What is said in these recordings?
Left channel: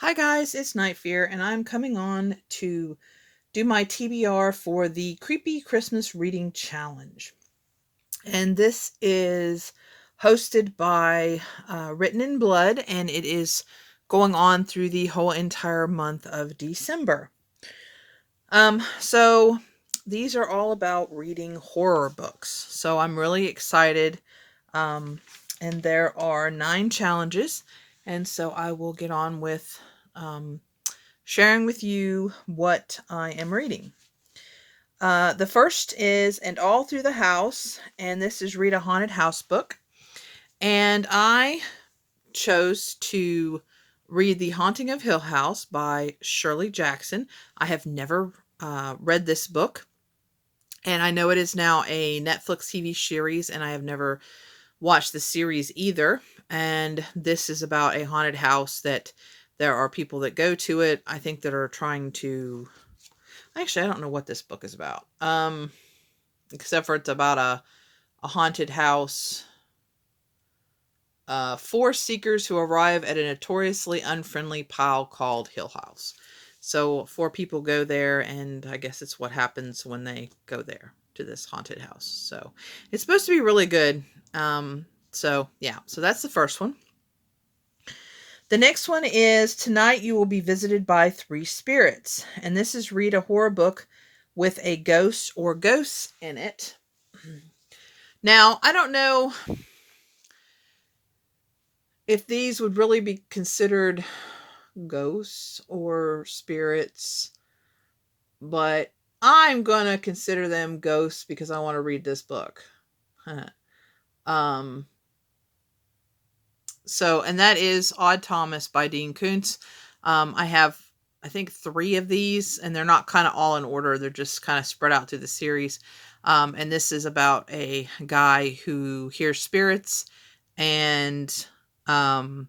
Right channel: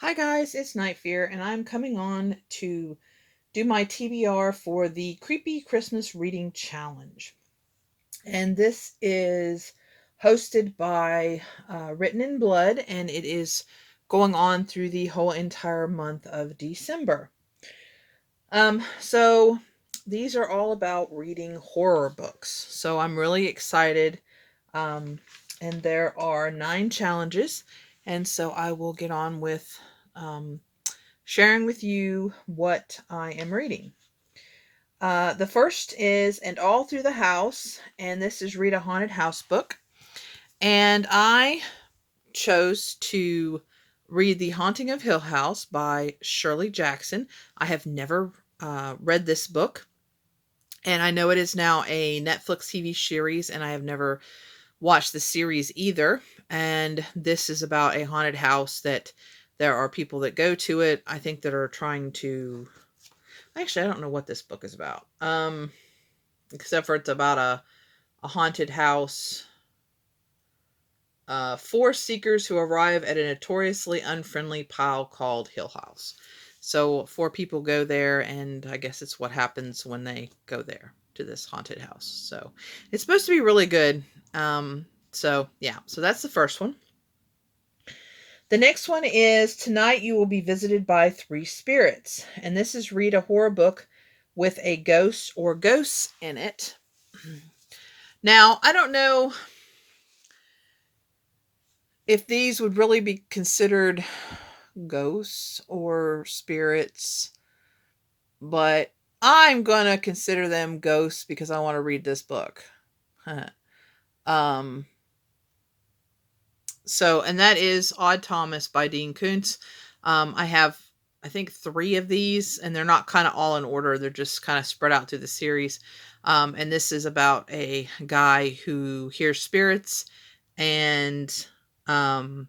Hi guys, it's Night Fear, and I'm coming on to do my TBR for the Creepy Christmas Reading Challenge. And this is hosted by Written in Blood, and it is going on through the whole entire month of December. So these are all about reading horror books. So I'm really excited. Um, and there are 9 challenges, and so I will get on with sharing with you what I am reading. The first is And All Through the House, and this is Read a Haunted House book. And I chose to read The Haunting of Hill House by Shirley Jackson. I have never read this book, and I know it is now a Netflix TV series, and I have never watched the series either. And this is about a haunted house that there are people that go to it, I think, that are trying to. Actually, I don't know what this book is about. Except for it's about a haunted house. 4 seekers who arrive at a notoriously unfriendly pile called Hill House. So 4 people go there, and I guess it's what happens when they go there to this haunted house. So it's supposed to be really good. So that's the first one. The next one is Tonight You Will Be Visited by 3 Spirits. And this is Read a Horror Book with a Ghost or Ghosts in it. Now, I don't know if these would really be considered ghosts or spirits, but I'm going to consider them ghosts because I want to read this book. And that is Odd Thomas by Dean Koontz. I have, I think, 3 of these, and they're not kind of all in order. They're just kind of spread out through the series. And this is about a guy who hears spirits, and I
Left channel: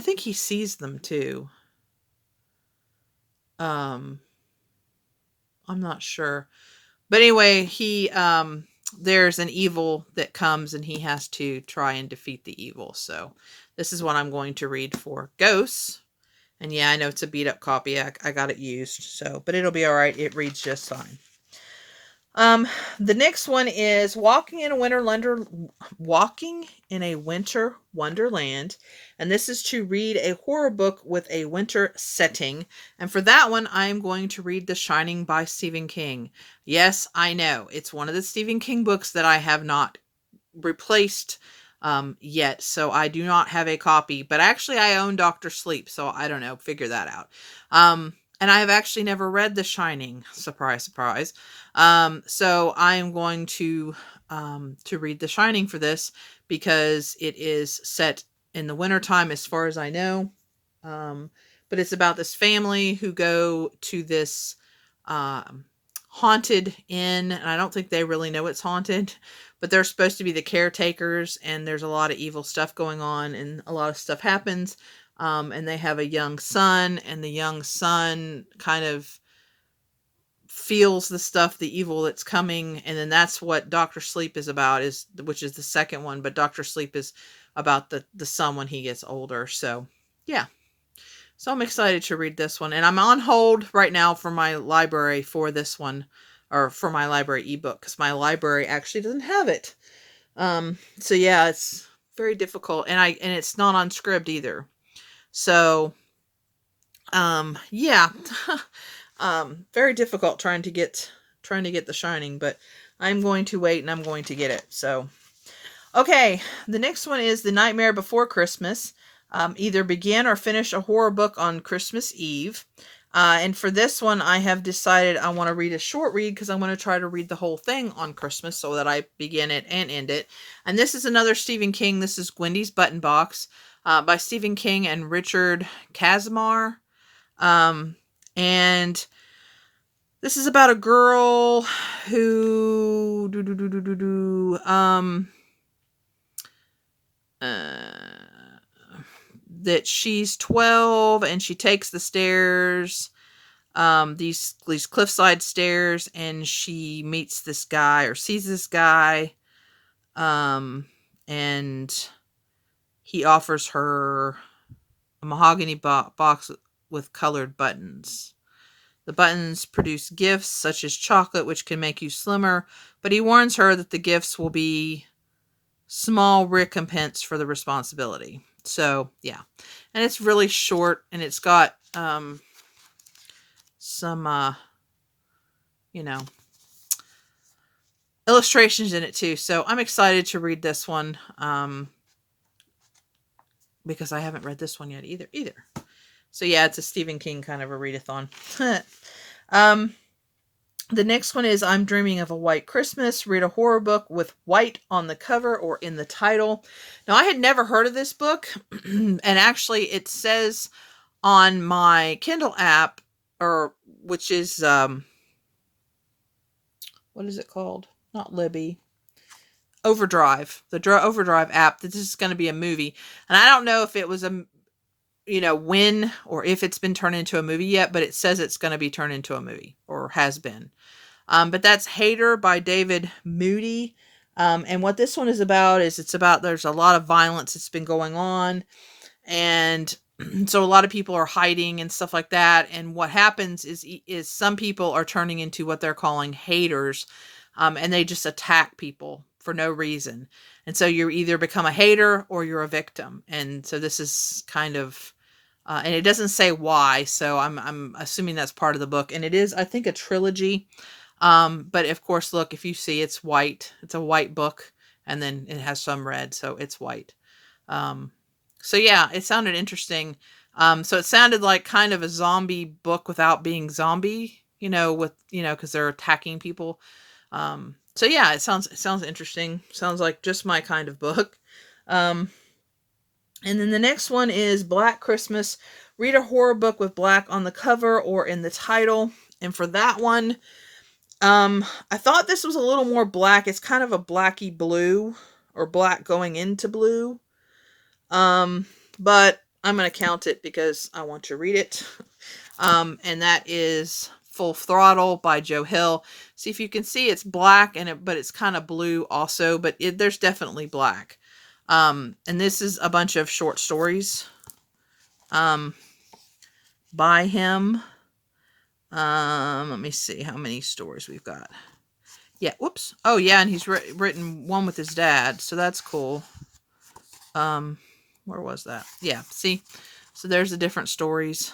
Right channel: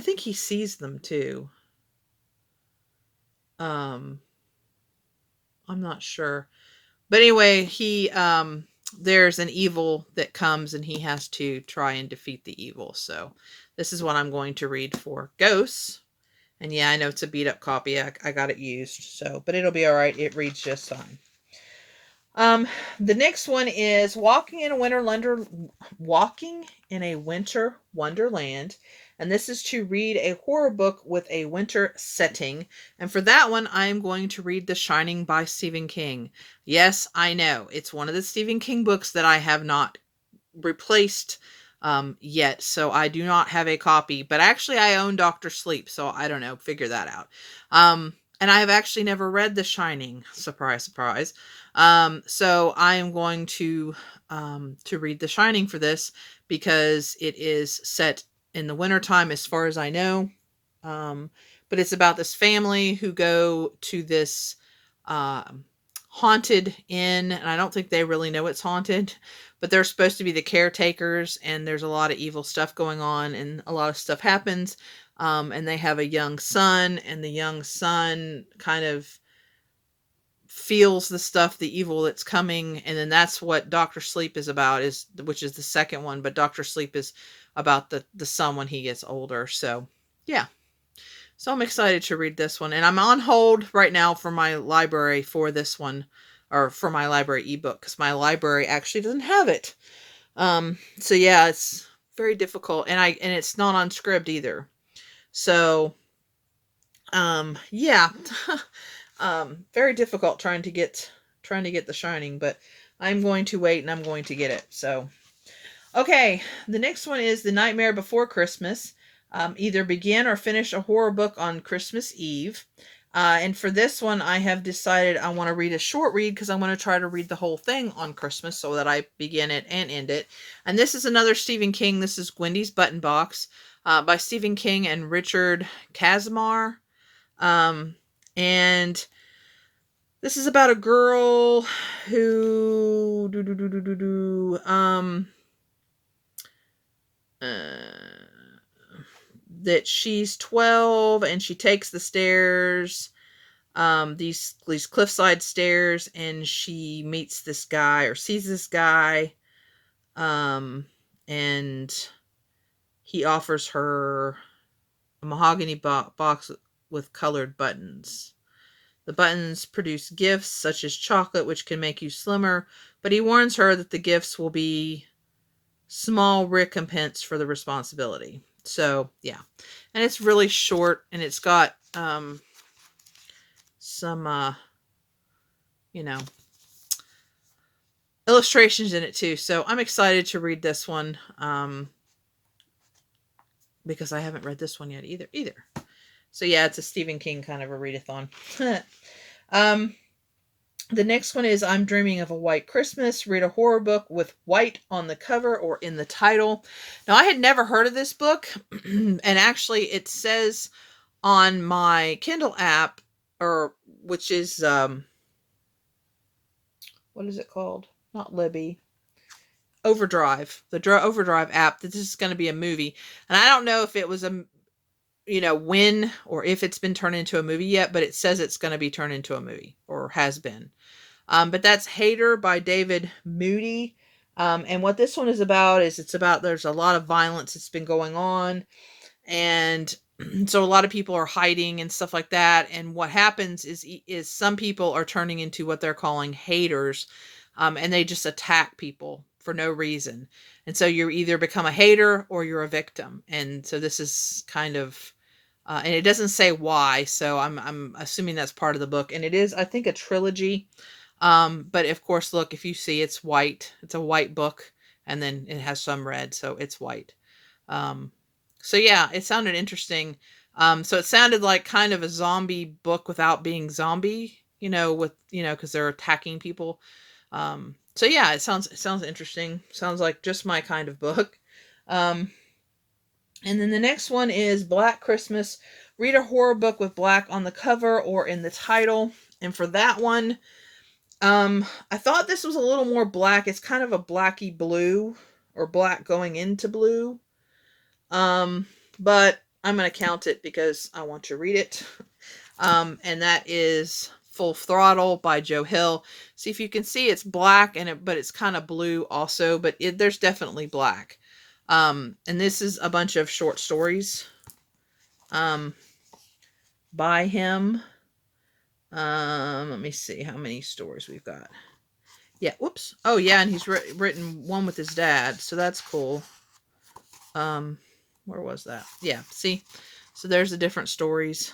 think he sees them too. I'm not sure. But anyway, he there's an evil that comes, and he has to try and defeat the evil. So this is what I'm going to read for Ghosts. And yeah, I know it's a beat up copy. I got it used. So, but it'll be all right. It reads just fine. The next one is Walking in a Winter Wonderland, and this is to read a horror book with a winter setting. And for that one, I am going to read The Shining by Stephen King. Yes, I know it's one of the Stephen King books that I have not replaced yet, so I do not have a copy. But actually, I own Doctor Sleep, so I don't know. Figure that out. And I have actually never read The Shining. Surprise, surprise. So I am going to read The Shining for this because it is set in the wintertime, as far as I know. But it's about this family who go to this haunted inn, and I don't think they really know it's haunted, but they're supposed to be the caretakers, and there's a lot of evil stuff going on, and a lot of stuff happens. And they have a young son, and the young son kind of feels the stuff, the evil that's coming. And then that's what Dr. Sleep is about, which is the second one. But Dr. Sleep is about the son when he gets older. So yeah. So I'm excited to read this one. And I'm on hold right now for my library for this one, or for my library ebook, because my library actually doesn't have it. So yeah, it's very difficult. And it's not on Scribd either. So yeah. Very difficult trying to get The Shining, but I'm going to wait, and I'm going to get it. So okay, the next one is The Nightmare Before Christmas. Either begin or finish a horror book on Christmas Eve. And for this one, I have decided I want to read a short read because I want to try to read the whole thing on Christmas so that I begin it and end it. And this is another Stephen King. This is Gwendy's Button Box by Stephen King and Richard Casimir. And this is about a girl who that she's 12, and she takes the stairs, these cliffside stairs, and she meets this guy, or sees this guy, and he offers her a mahogany box with colored buttons. The buttons produce gifts such as chocolate, which can make you slimmer, but he warns her that the gifts will be small recompense for the responsibility. So, yeah. And it's really short, and it's got some, you know, illustrations in it too. So I'm excited to read this one because I haven't read this one yet either. So yeah, it's a Stephen King kind of a readathon. The next one is I'm Dreaming of a White Christmas. Read a horror book with white on the cover or in the title. Now, I had never heard of this book, and actually it says on my Kindle app, or which is, what is it called? Not Libby. Overdrive. The Overdrive app, that this is going to be a movie. And I don't know if it was when or if it's been turned into a movie yet, but it says it's going to be turned into a movie, or has been. But that's Hater by David Moody. And what this one is about is there's a lot of violence that's been going on. And so a lot of people are hiding and stuff like that. And what happens is some people are turning into what they're calling haters. And they just attack people for no reason. And so you either become a hater or you're a victim. And so this is kind of, and it doesn't say why. So I'm assuming that's part of the book. And it is, I think, a trilogy. But of course, look, if you see, it's white. It's a white book, and then it has some red, so it's white. So yeah, it sounded interesting. So it sounded like kind of a zombie book without being zombie, because they're attacking people. So yeah, it sounds interesting. Sounds like just my kind of book. And then the next one is Black Christmas. Read a horror book with black on the cover or in the title. And for that one, I thought this was a little more black. It's kind of a blacky blue, or black going into blue. But I'm going to count it because I want to read it. And that is Full Throttle by Joe Hill. See if you can see, it's black but it's kind of blue also, but there's definitely black. And this is a bunch of short stories, by him. Let me see how many stories we've got. Yeah, whoops. Oh, yeah, and he's written one with his dad, so that's cool. Where was that? Yeah, see? So there's the different stories.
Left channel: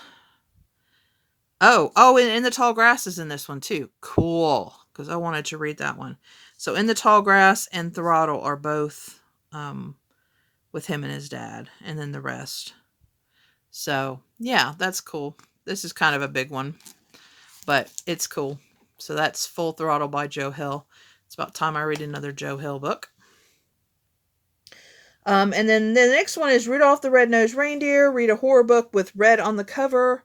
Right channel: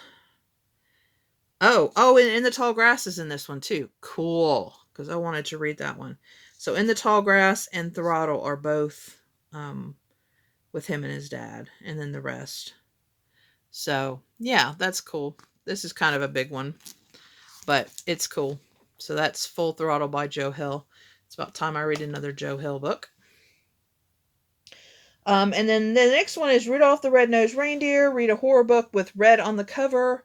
Oh, and In the Tall Grass is in this one, too. Cool, because I wanted to read that one. So In the Tall Grass and Throttle are both with him and his dad, and then the rest. So, yeah, that's cool. This is kind of a big one, but it's cool. So that's Full Throttle by Joe Hill. It's about time I read another Joe Hill book. And then the next one is Rudolph the Red-Nosed Reindeer. Read a horror book with red on the cover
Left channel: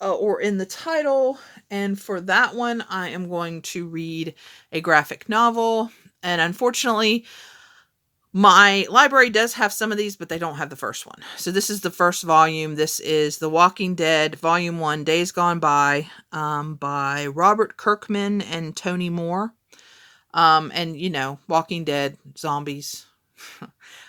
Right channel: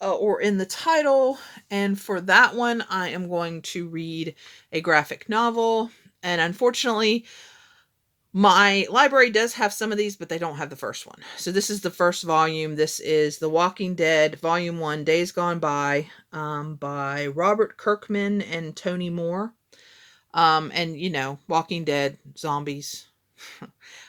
or in the title. And for that one, I am going to read a graphic novel. And unfortunately, my library does have some of these, but they don't have the first one. So this is the first volume. This is The Walking Dead, Volume 1, Days Gone by Robert Kirkman and Tony Moore. And, Walking Dead, zombies.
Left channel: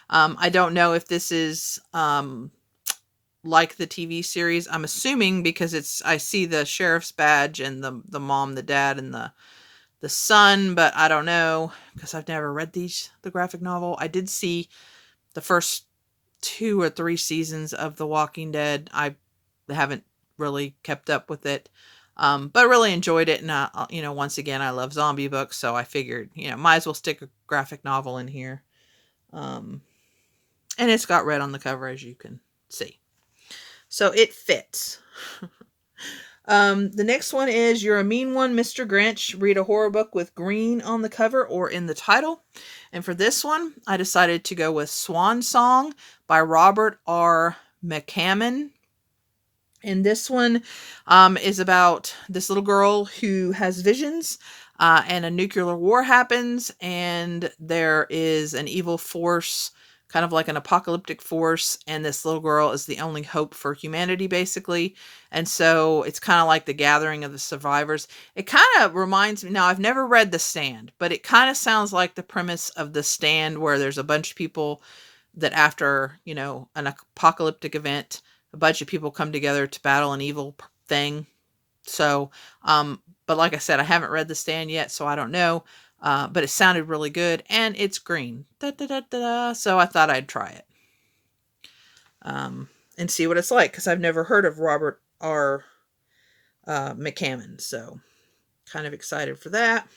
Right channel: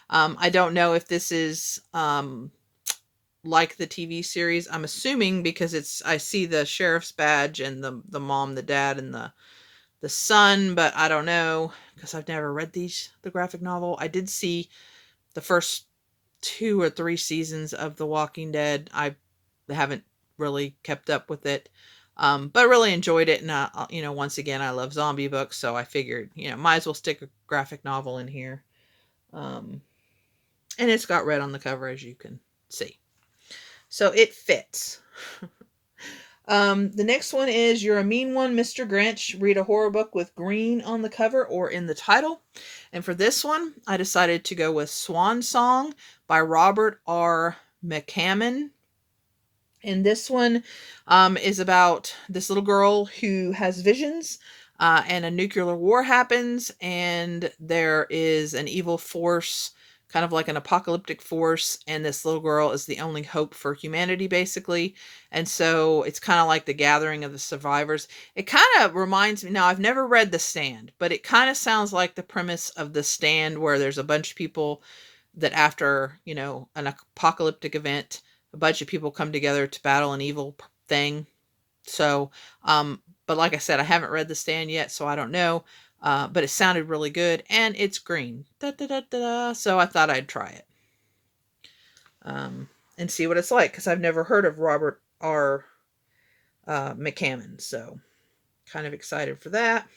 I don't know if this is like the TV series. I'm assuming because I see the sheriff's badge and the mom, the dad, and the son, but I don't know because I've never read the graphic novel. I did see the first 2 or 3 seasons of The Walking Dead. I haven't really kept up with it, but really enjoyed it. And once again, I love zombie books, so I figured, might as well stick a graphic novel in here. And it's got red on the cover, as you can see, so it fits. The next one is You're a Mean One, Mr. Grinch. Read a horror book with green on the cover or in the title. And for this one, I decided to go with Swan Song by Robert R. McCammon. And this one is about this little girl who has visions, and a nuclear war happens, and there is an evil force, kind of like an apocalyptic force, and this little girl is the only hope for humanity, basically. And so it's kind of like the gathering of the survivors. It kind of reminds me, now I've never read The Stand, but it kind of sounds like the premise of The Stand, where there's a bunch of people that after, an apocalyptic event, a bunch of people come together to battle an evil thing. So, but like I said, I haven't read The Stand yet, so I don't know. But it sounded really good, and it's green. Da, da, da, da, da. So I thought I'd try it. And see what it's like, because I've never heard of Robert R. McCammon, so kind of excited for that.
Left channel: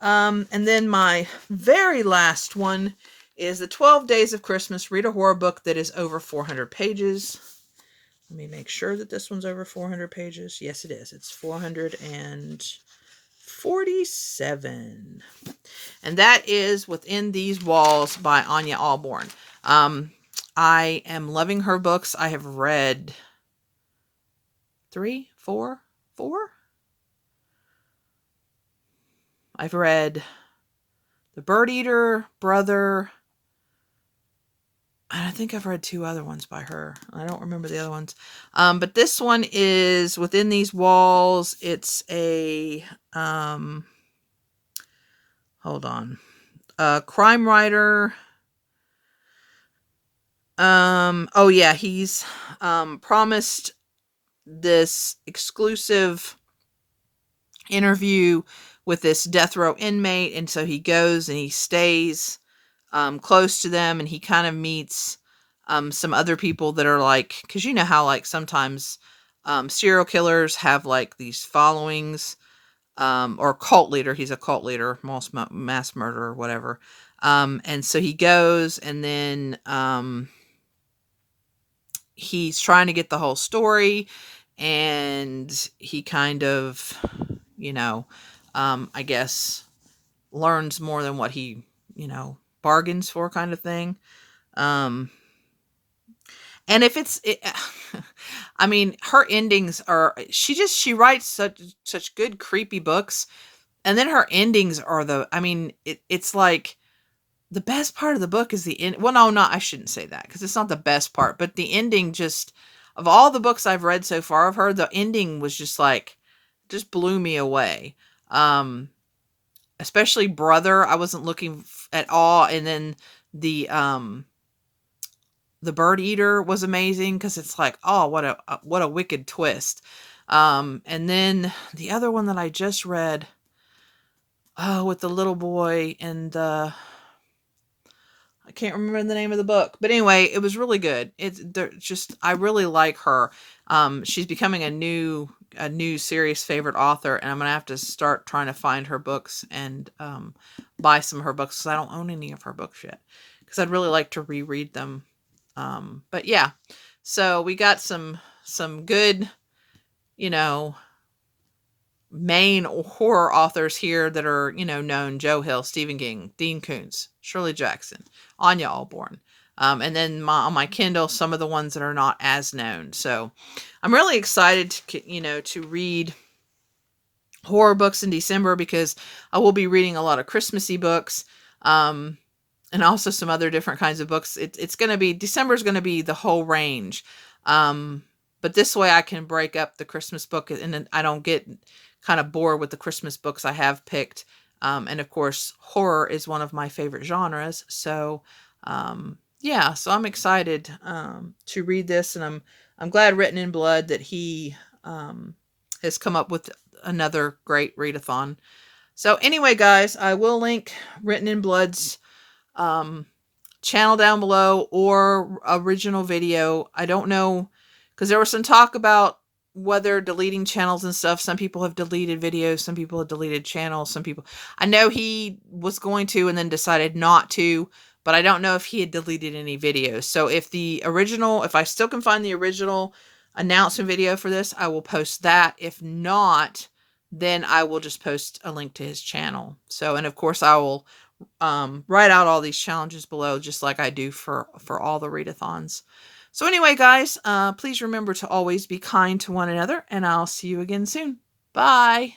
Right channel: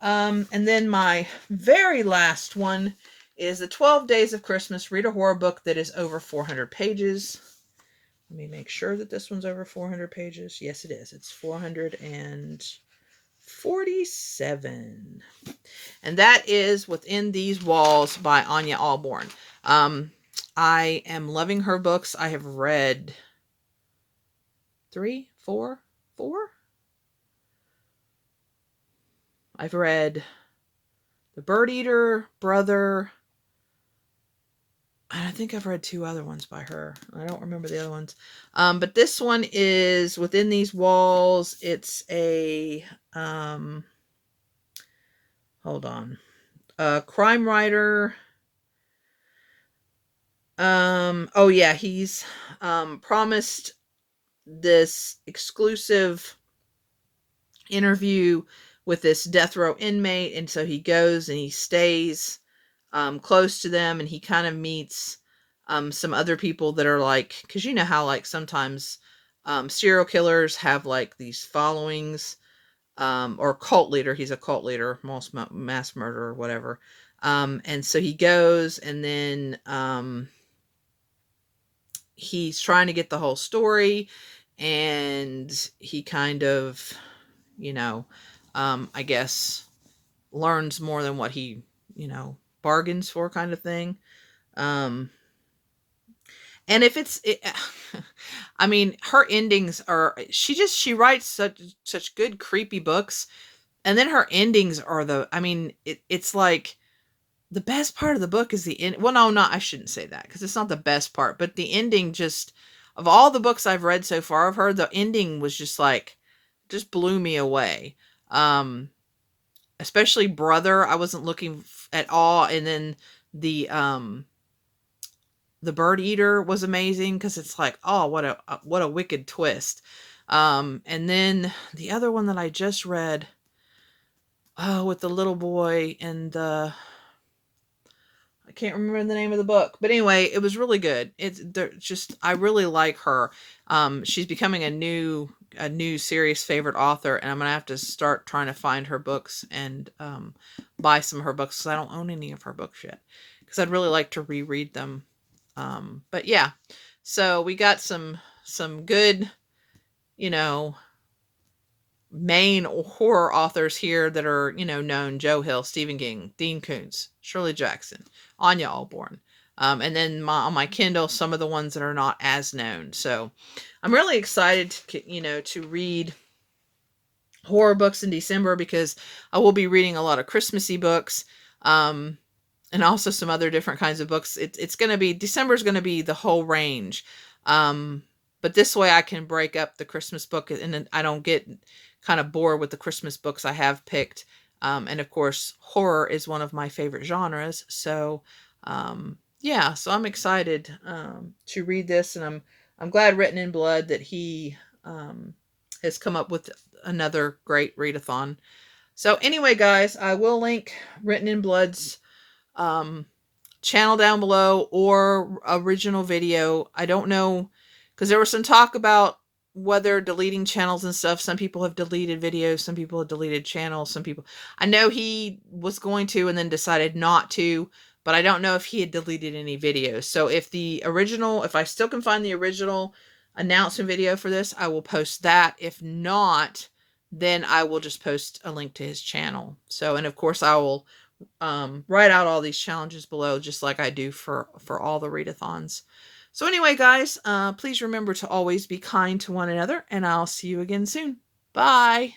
And then my very last one is The 12 Days of Christmas. Read a horror book that is over 400 pages. Let me make sure that this one's over 400 pages. Yes, it is. It's 447. And that is Within These Walls by Anya Alborn. I am loving her books. I have read 4. I've read The Bird Eater, Brother, and I think I've read 2 other ones by her. I don't remember the other ones. But this one is Within These Walls. It's a, hold on, a crime writer. Oh yeah, he's promised this exclusive interview with this death row inmate, and so he goes and he stays close to them, and he kind of meets some other people that are like, because you know how like sometimes serial killers have like these followings, or cult leader. He's a cult leader, mass murderer, whatever. And so he goes, and then he's trying to get the whole story, and he kind of, you know, I guess learns more than what he, you know, bargains for, kind of thing. And if I mean, her endings are, she writes such good creepy books, and then her endings are it's like the best part of the book is the end. Well, no, I shouldn't say that, because it's not the best part, but the ending, just of all the books I've read so far of her, the ending was just blew me away. Especially Brother, I wasn't looking at all. And then the Bird Eater was amazing, because it's like, oh, what a wicked twist. And then the other one that I just read, with the little boy and I can't remember the name of the book, but anyway, it was really good. I really like her. She's becoming a new serious favorite author, and I'm gonna have to start trying to find her books and buy some of her books, because I don't own any of her books yet, because I'd really like to reread them. But yeah, so we got some good, you know, main horror authors here that are, you know, known: Joe Hill, Stephen King, Dean Koontz, Shirley Jackson, Anya Alborn. And then on my Kindle, some of the ones that are not as known. So I'm really excited to read horror books in December, because I will be reading a lot of Christmassy books, and also some other different kinds of books. It's going to be, December's going to be the whole range. But this way I can break up the Christmas book, and then I don't get kind of bored with the Christmas books I have picked. And of course, horror is one of my favorite genres. So, yeah, so I'm excited to read this, and I'm glad Written in Blood that he has come up with another great readathon. So anyway, guys, I will link Written in Blood's channel down below, or original video. I don't know, because there was some talk about whether deleting channels and stuff. Some people have deleted videos, some people have deleted channels, I know he was going to and then decided not to, but I don't know if he had deleted any videos. So if I still can find the original announcement video for this, I will post that. If not, then I will just post a link to his channel. So, and of course I will write out all these challenges below, just like I do for all the readathons. So anyway, guys, please remember to always be kind to one another, and I'll see you again soon. Bye.